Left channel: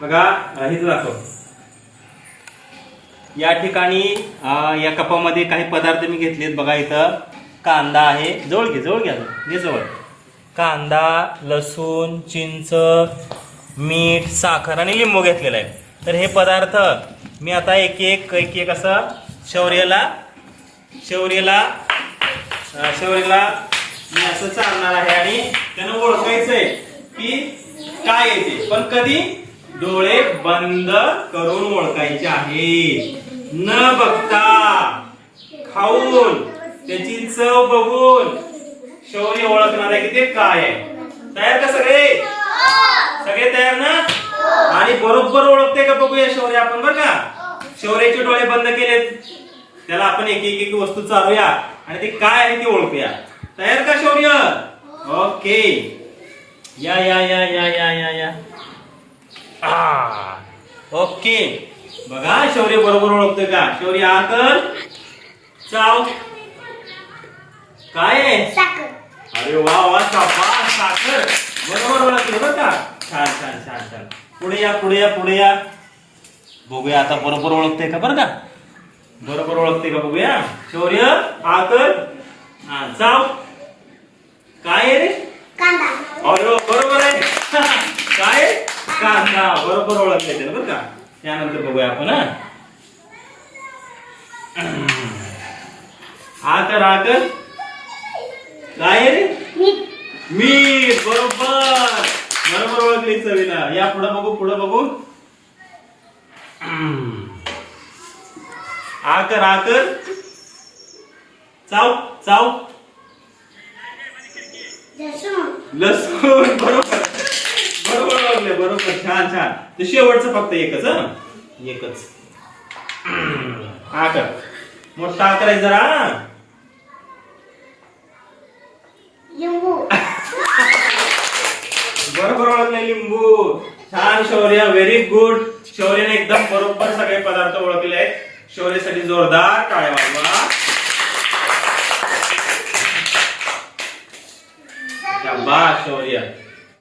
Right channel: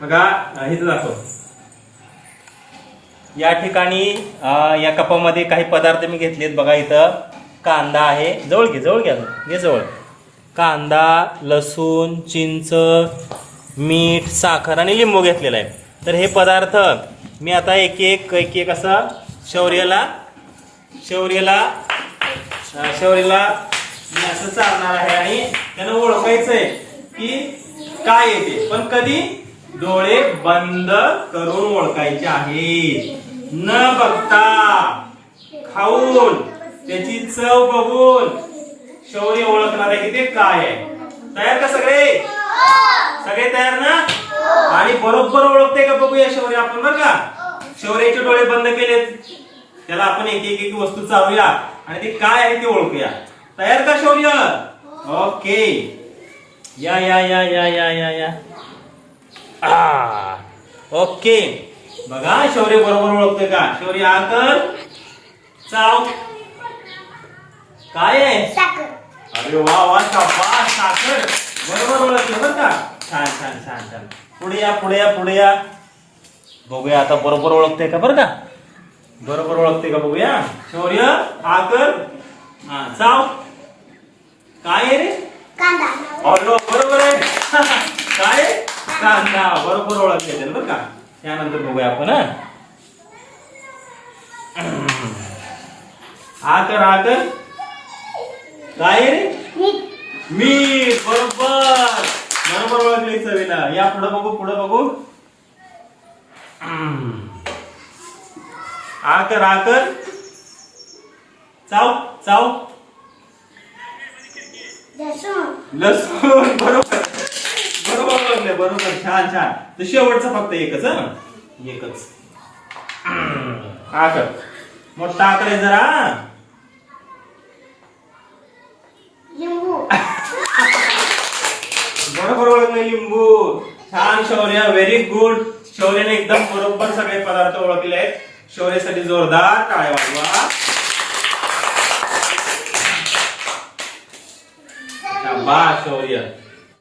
बघा हेच दाखव. या ठिकाणी या कपामध्ये काही पदार्थ मी घेतलेत बघा इथं. कांदा आहे. जवळ घे जवळ घ्या. घे जवळ. कांदा लसूण चिंच मीठ साखर आणि लिंबू घेतलेला आहे. तर हे पदार्थ मी आता एक एक एक एक असं शौर्याला शौर्यला शौर्यला मी असं चालणार आहे आणि त्याला ओळखायचं आहे की काय येते पण कधी? डोळे बंद करून ओळखायचे आहे न बघता खाऊन त्याची चव बघून शौर्य ओळखणार आहे की ते काय आहे? तयार का सगळे? सगळे तयार ना? आणि बरोबर ओळखते का बघूया शौर्य आपण बरं का? शौर्याचे डोळे बंद केलेत. त्याला आपण एक एक एक वस्तू चालूया आणि ते काय आहे ते ओळखूया. तयार का शौर्य? ओके. या या या या या या या. ओके. बघा शौर्य बरोबर ओळखतोय का? शौर्य हा कर चाव काय आहे? साखर. अरे वा वा शाबास साखर. बरोबर ओळखलं बरं का? छान छान छान छान. पुढे या पुढे या पुढे या. बघूया आता बरोबर ओळखते का बरं का? बरोबर ओळखते का बघूया? शौर्य हा कर हा चाव. काय आहे रे? कांदा. अरे वा, बरोबर आहे? कांदा बरोबर ओळखते त्याला बरं का? त्यानंतर बघूया आपण हा? हा कर हा कर काय रे? मीठ बरोबर. बरोबर ओळखली चवीला. या पुढे बघू पुढे बघू. आकर आकर चाव चाव. लसूण बरोबर. बरोबर छान छान. तर शेवटचं फक्त एकच हं? एकच. आकर मोठा आकर आहे जरा. लिंबू. बरोबर ओळखले लिंबू. छान शौर्य व्हेरी गुड शौर्यने एकदम बरोबर सगळे पदार्थ ओळखले आहेत. शौर्यसाठी जोरदार टाळ्या वाजवा. शाबास शौर्य.